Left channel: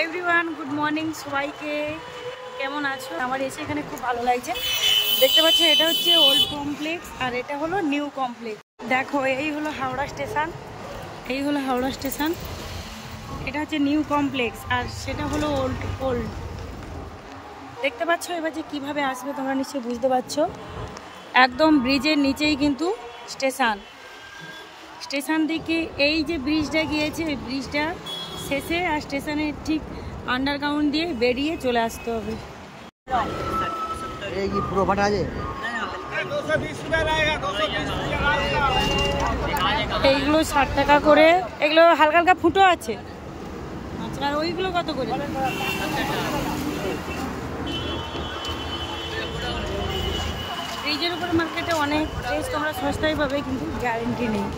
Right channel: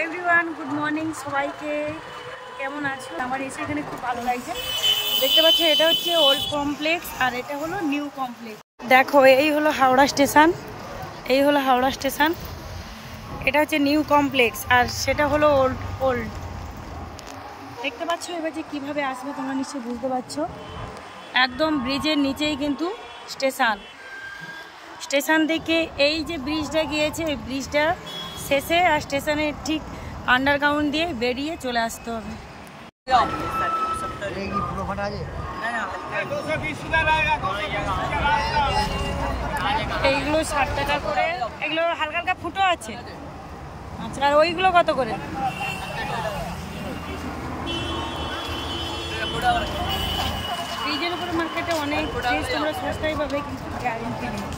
Hello everyone, good morning সবাইকে। কেমন আছো? আমার এসে এখানে খুব ভালো লাগছে। দেখতে পাচ্ছ এটা হচ্ছে ওল্ড কমপ্লেক্স আর এটা হলো নিউ কমপ্লেক্স। দেখো এই হলো হাওড়া স্টেশন, এই হলো হাওড়া স্টেশন। এটা হচ্ছে নিউ কমপ্লেক্স আর সেটা হলো ওল্ড। দেখতে পাচ্ছ এবার যে কীভাবে আসবে তোমরা নিশ্চয়ই বুঝতে পারছো। একদম ব্রিজের নিচেই কিন্তু স্টেশন থেকে এই যে ব্রিজটা গিয়েছে এই ব্রিজটা শেষে আর স্টেশনের ঠিক আন্ডারগ্রাউন্ড দিয়ে বেরিয়ে চলে আসতে হবে। এইগুলো 60 টাকা করে, এগুলো হালকা হালকা ফুটো আছে। আচ্ছা, আর ওইগুলো কত করে? ব্রিজের উপরে মার্কেটে অনেক ড্রেস তোমরা সস্তায় পাবে, কিন্তু গ্যারেন্টি নেই।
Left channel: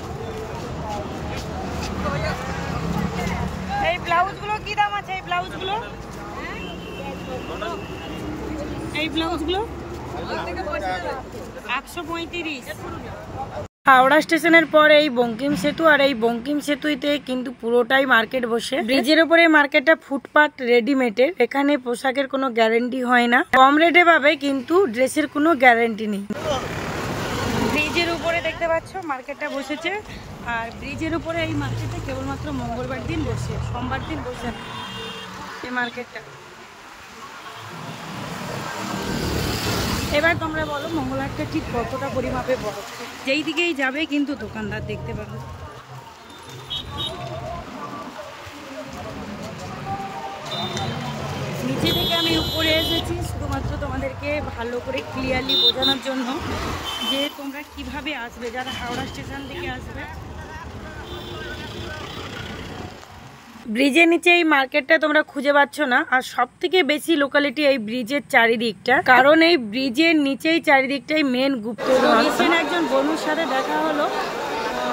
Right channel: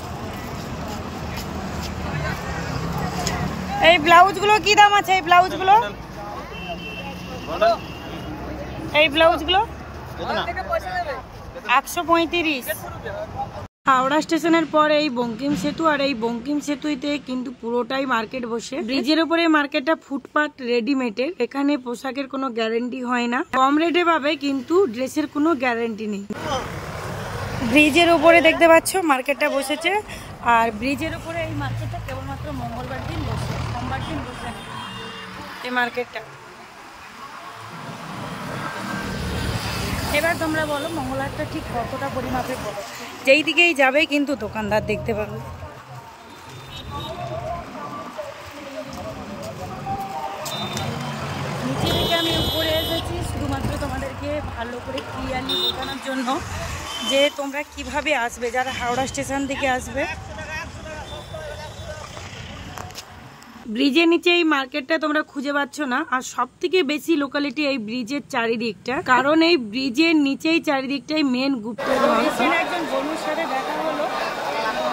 এই ব্লাউজগুলো কি দাম আছে? এই ব্লাউজগুলো 135। হাওড়া স্টেশনের পর এই বঙ্কিম সেতু, আর এই বঙ্কিম সেতুতে কিন্তু পুরোটাই মার্কেট বসে। ব্রিজের উপরে মার্কেটটা ফুটপাথ রেডিমেডের, এখানে পোশাকের কোনো গ্যারেন্টি হয় না। কম রেটে পাবে কিন্তু ড্রেসের কোনো গ্যারেন্টি নেই। ব্রিজের উপরে দেখতে পাচ্ছ মার্কেটটা বসেছে, আর ব্রিজের উপরে এই মার্কেটটা কেবলমাত্র মঙ্গলবার দিন বসে, সোমবার দিন বসে না এই মার্কেটটা। এবার তোমরা বলো মঙ্গলহাটটা ঠিক কতটা পরিমাপে বড়? যেই দিকেই যাবে কিন্তু দোকানদার দেখতে পাবে। নিচে থেকে আমি উপরে এসেছি শুধুমাত্র তোমাদেরকে ভালো করে ক্লিয়ারলি বোঝানোর জন্য যে তোমরা কিভাবে আসবে যারা হাওড়া স্টেশন থেকে আসবে। ব্রিজের নিচে এই মার্কেটটা তোমরা খুঁজে পাচ্ছ না, আর সব থেকে বেশি লোকালিটি এই ব্রিজের চারিদিকটা, কারণ এই ব্রিজের নিচেই চারিদিকটাই মেন গুপ্ত। রিসেন্ট একজন বন্ধুর সাথে দেখা হলো,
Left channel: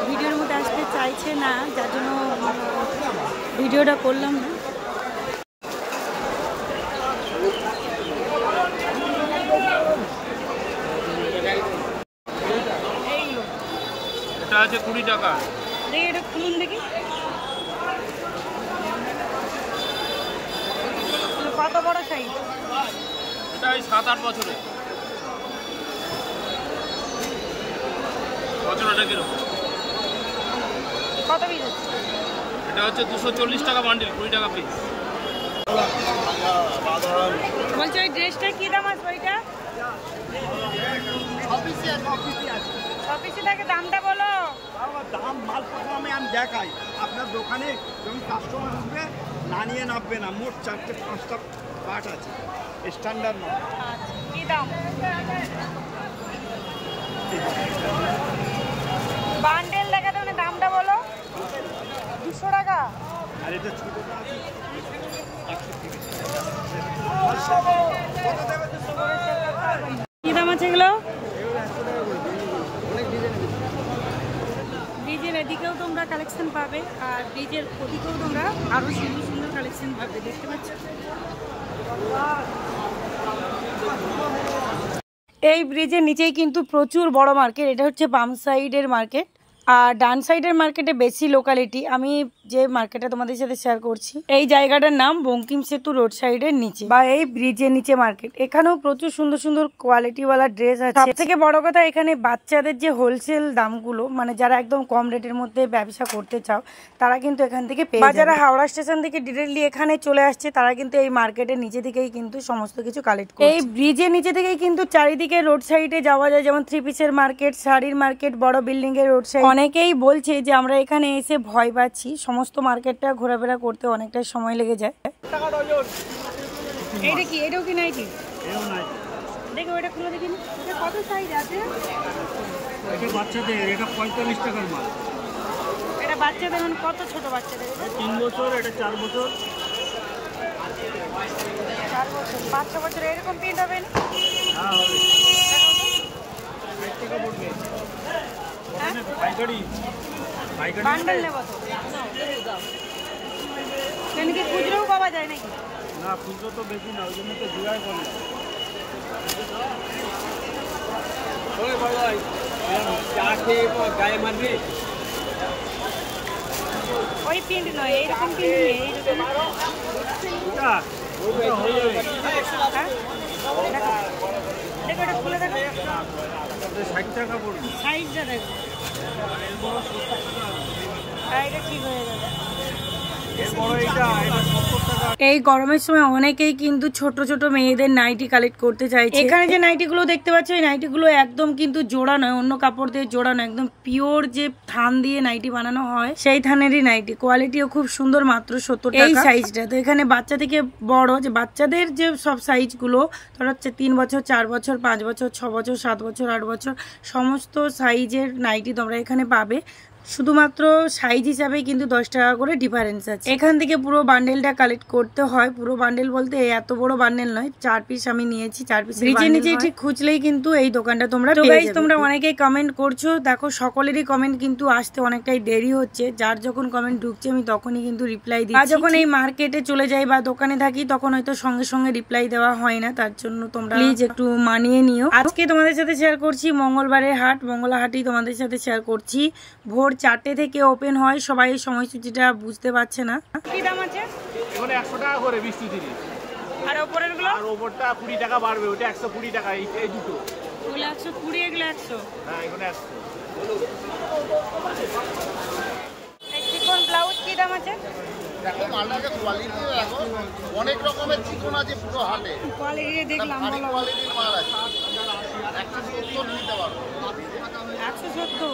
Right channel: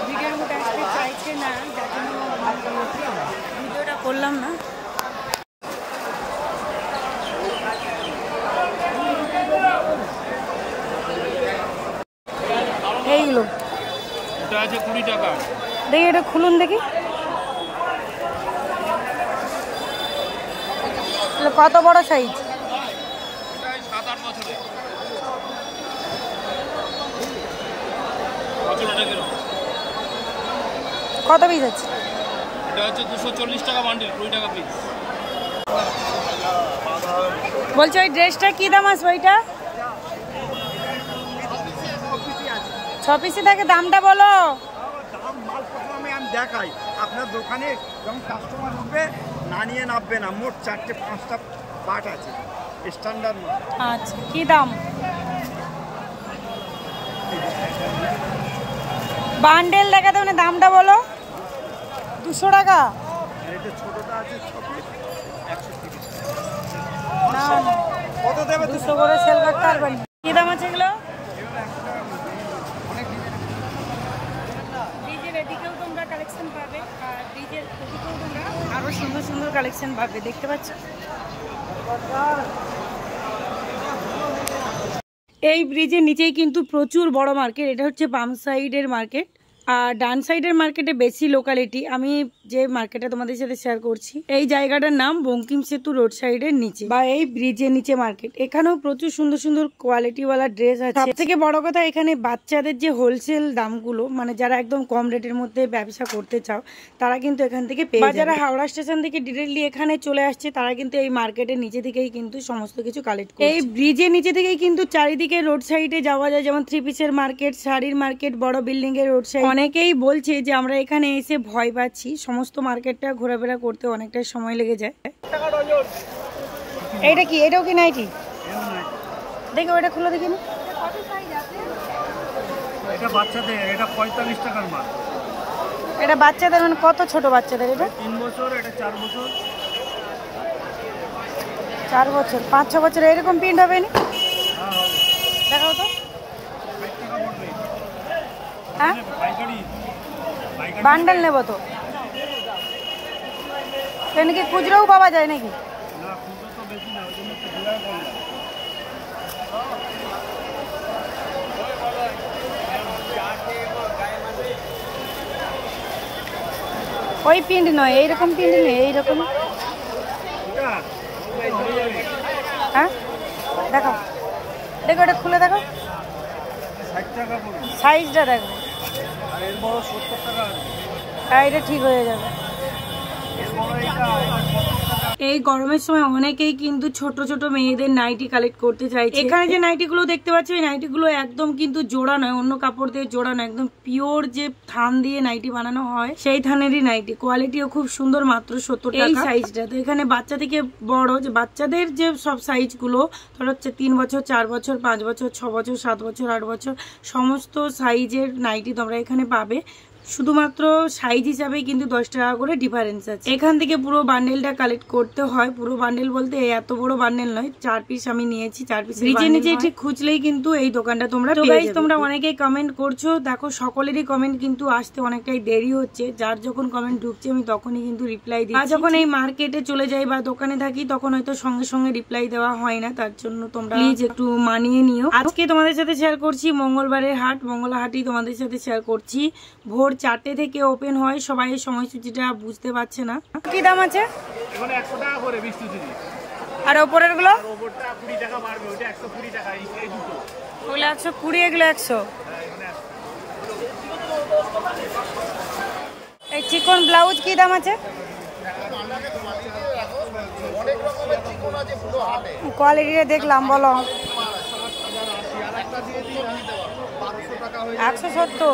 ভিডিওর মধ্যে আসতে চাইছে না, যার জন্য ভিডিওটা করলাম না। এইগুলো এটা আছে 20 টাকা। দেখি এটা খুলুন দেখি কত বড় সাইজ। এটা 7-8 বছরের। বছরটা কিরকম? কত পিস আছে? এটা হচ্ছে 240 টাকা বান্ডিল, 20 টাকা পিস। বলছো ওই ড্রেসটা কি দাম আছে? ওইটা 6 পিসি থাকে, দামটা বলো। দাম মাল প্রথমে আমি দেখাই, আপনার দোকানে যখন কাস্টমার উঠবে না নিয়ে নামবে না। মোট 4-5টা পার্ট আছে, স্ট্যান্ডার্ড মাল। আচ্ছা, কি দাম? বান্ডেল দেখাতে মানে দামটা বলো। 200 টাকা। আর এটা ছোটটা আছে 130। কত দেবে? 200 করে সেল করতে পারবেন। কি দাম আছে এগুলো? এগুলো 100 টাকা করে। অনেক ডিজাইন আছে। ব্রিজের এদিকেও তোমরা কালেকশন পাবে, আর ব্রিজের ওদিকেও তোমরা আরো সুন্দর সুন্দর কালেকশন পাবে। দেখতে পাচ্ছ এই ব্রিজের নিচেই কিন্তু প্রচুর বড় মার্কেট। এটা হচ্ছে বাম সাইডের মার্কেট, আর ডান সাইডের মার্কেটে বেশি লোকালিটি। আমি যে মার্কেটটা তোমাদের সাথে শেয়ার করছি এই জায়গাটার নাম বঙ্কিম সেতু রোড সাইডের নিচে বা এই ব্রিজের নিচে মার্কেট। এখানেও প্রচুর সুন্দর সুন্দর কোয়ালিটিওয়ালা ড্রেস আছে। সব থেকে বড় কথা এখানে বাচ্চাদের যে হোলসেল দামগুলো, মানে যারা একদম কম রেটের মধ্যে ব্যবসা করতে চাও তারা কিন্তু এখান থেকে পেয়ে যাবে। যারা হাওড়া স্টেশন থেকে ডিরেক্টলি এখানে চলে আসছে তারা কিন্তু এই মার্কেটের নিচে থেকেই কিন্তু সমস্ত কিছু কালেক্ট করে। এই ব্রিজের নিচে থেকেই কিন্তু চারিদিকে রোড সাইডে যাওয়া যায়, যেমন 3 পিসের মার্কেট, শাড়ির মার্কেট, বড় বিল্ডিং এর রোড সাইড। অনেকেই বলছে যে আমরা এখানে এসে ভয় পাচ্ছি, সমস্ত মার্কেটটা ঘোরাফেরা করতে অনেকটাই সময় লেগে যায়। এইটা কি? এটাও কি নাইটি? দেখি ওইটা খুলে দেখি না। এটা বাচ্চাদের, এটা 45 টাকার মাল। এটা বাচ্চাদের মানে কত ছোট বাচ্চাদের? এটা 3 বছর, এটা 4 বছর। 4 বছর, 5-6 বছর এরকম প্রিন্ট হবে না? হ্যাঁ হবে। দেখাও তো। 60 টাকা পড়বে। হ্যাঁ? পাইকারি বান্ডেল নেব তো। কেন কি খুচরোও পাওয়া যায় নাকি? না, খুচরো তো বেশি না, ওই জন্য তো জোড়া করলাম। ওই প্রিন্ট নয়, এইরকম প্রিন্ট নেই, এইরকম একটা হয়ে যাবে। হ্যাঁ দেখো দেখো, এটা খুলে দেখো, এটা 60 টাকা পড়বে। সাইজটা দেখো, আর এর বড় 70 টাকা আছে। আর এটা ঠিক হয়ে যাবে। এর বড় এটা 70 টাকা। এই গরমের সময় অনেকেই কিন্তু ছোট ছোট মেয়েদের নাইটি কালেক্ট করতে চাইছে। এখানে যে নাইটিগুলো দেখতে পাচ্ছ, এই নাইটিগুলো একদম কিন্তু জোড়া নয়, অন্য কাপড় দিয়ে জোড়া নয়, একদম পিওর যে থান দিয়ে নাইটি বানানো হয় সেই থানেরই নাইটি। কোয়ালিটিও খুব সুন্দর, মাত্র 70 টাকা। এই সাইজটা তো এখানে বাচ্চা থেকে বড়, যে বাচ্চাদের যে সব সাইজগুলো ধর হচ্ছে 3 বছর, 4 বছর, 5 বছর, 6 বছর, 7 বছর, 8 বছর, সমস্ত সাইজের নাইটি তোমরা এখানে পাবে। শুধুমাত্র সাইজ হিসাবে কিন্তু 10 টাকা করে ডিফারেন্স আছে। এখান থেকে পুরো বান্ডেলটা কালেক্ট করতে হয়। পুরো বান্ডেল বলতে এত বড় বান্ডেল নয়, 4 পিস আমি নিয়েছি, 4 পিস নিচে ঠিক খুঁজলেই কিন্তু এই দোকানটা তোমরা পেয়ে যাবে। তোমরা অনেকেই কমেন্ট করছো, দেখো সকলেরই কমেন্ট কিন্তু আসতে অনেকটাই দেরি হচ্ছে। যার যখন কমেন্ট ঢুকছে আমি তখনই কিন্তু রিপ্লাই দিই। আর যখন এই মার্কেটে চলে যাই বা দোকানে থাকি তখন হয়তো সঙ্গে সঙ্গে রিপ্লাই দেওয়া হয় না, তার জন্য তোমরা প্লিজ একটু মানিয়ে নিও। আজকে তোমাদের সাথে শেয়ার করছি মঙ্গলবারের হাট, মঙ্গলা হাটই তোমাদের সাথে শেয়ার করছি। ভোর 4টে থেকে ওপেন হয়, সবাই সময়সূচিটা বুঝতে পারছে না। কি দাম আছে? এখানে 100 টাকা করে 20-30। আর ওপরের গুলো? আর ওপরটা 20 টাকা বাড়বে, ওটা 120 টাকা। এই দুটো ওগুলো 120, এগুলো 100। হ্যাঁ, এখানে 100। এই চিকন ব্লাউজ কি দাম আছে? কোয়ালিটিটা দেখলাম, বলো। 170।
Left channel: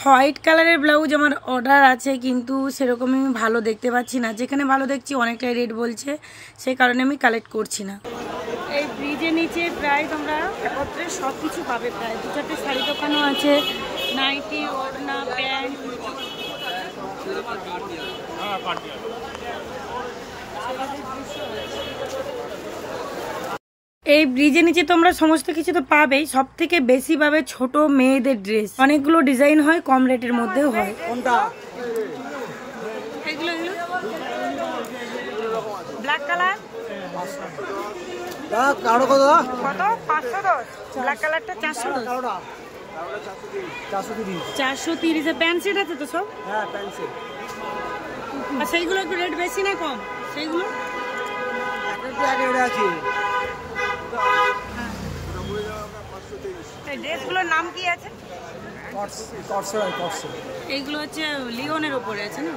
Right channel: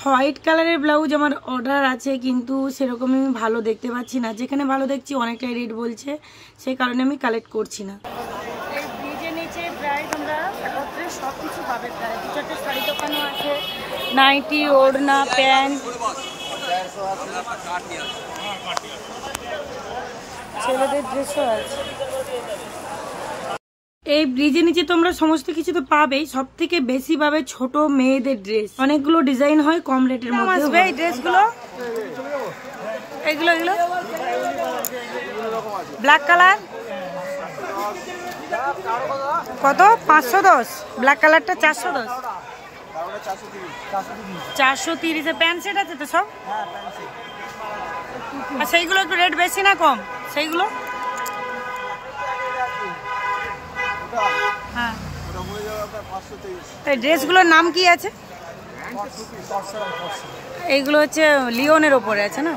হোয়াইট কালারের ব্লাউজ আমার অর্ডার আছে, কিন্তু সেরকম আমি ভালো দেখতে পাচ্ছি না। যেখানে ভালো দেখছি অনেকটাই রেট বলছে, সেই কারণে আমি কালেক্ট করছি না। এই ব্রিজের নিচে প্রায় তোমরা একত্রে সব কিছু পাবে। প্রায় 2-4টে শাড়ি দোকানও আছে, নাইটি, ওড়না, প্যান্ট, ছেলেদের ড্রেসও আছে। এই ব্রিজের নিচে তোমরা সমস্ত কিছু তো পাবেই, সব থেকে বেশি পাবে ছোট মেয়েদের ড্রেস। অনেকগুলো ডিজাইন হয়, কম রেটের মধ্যে হয়। এগুলো এগুলো ব্ল্যাক কালার কত? 510। ব্ল্যাক কালারটা 410। 430। প্যান্ট সেট আছে তো সব? আর সেইগুলো একটু রেট বেশি না কম? সেইগুলো হ্যাঁ। এই ড্রেসগুলোর নাম কি আছে? এইগুলো হচ্ছে লিওনের ওপরে আছে না?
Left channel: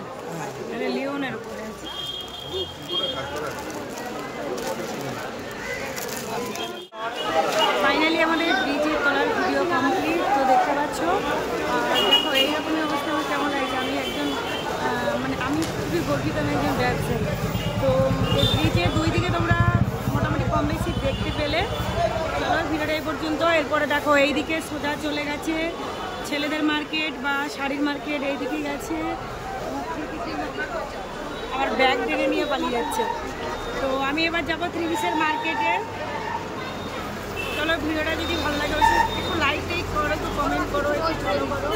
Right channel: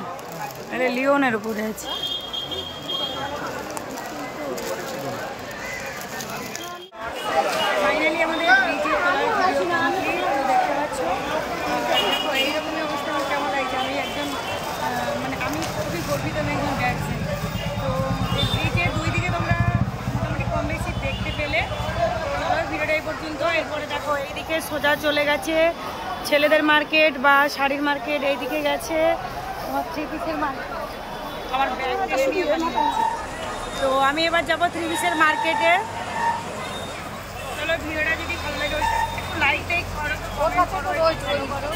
এটা লিওনের ওপরে আছে। ফাইনালি আমাদের ব্রিজের তলার ভিডিও কমপ্লিট, তো দেখতে পাচ্ছ। আর দেখো এইরকমই অবস্থা আমার কেমন লাগছে। আমি একজন মানে আমি খুবই গর্বিত, আমি একজন ব্যবসায়ী। তো এই ব্রিজের দুই দিকে তোমরা মোটামুটি কম বেশি দেখতে পেলে। চলো ভিডিওটা এই পর্যন্ত। এরপরে দেখো এইদিকে সোজা চলে গেছে ছেলেদের মার্কেট বা শাড়ির মার্কেট, এইদিকে গেছে তোমার 3 পিসের মার্কেট। আমার ব্যাগ টেনে নিয়ে পালিয়ে যাচ্ছে। তো আমি এবার যাবো 3 পিসের মার্কেটে। চলো ভিডিওটা যদি ভালো লাগে একটু লাইক করো, একটু কমেন্ট করো, একটু ফলো করো,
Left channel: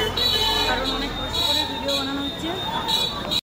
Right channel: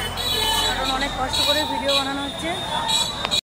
কারণ অনেক কষ্ট করে ভিডিও বানানো হচ্ছে।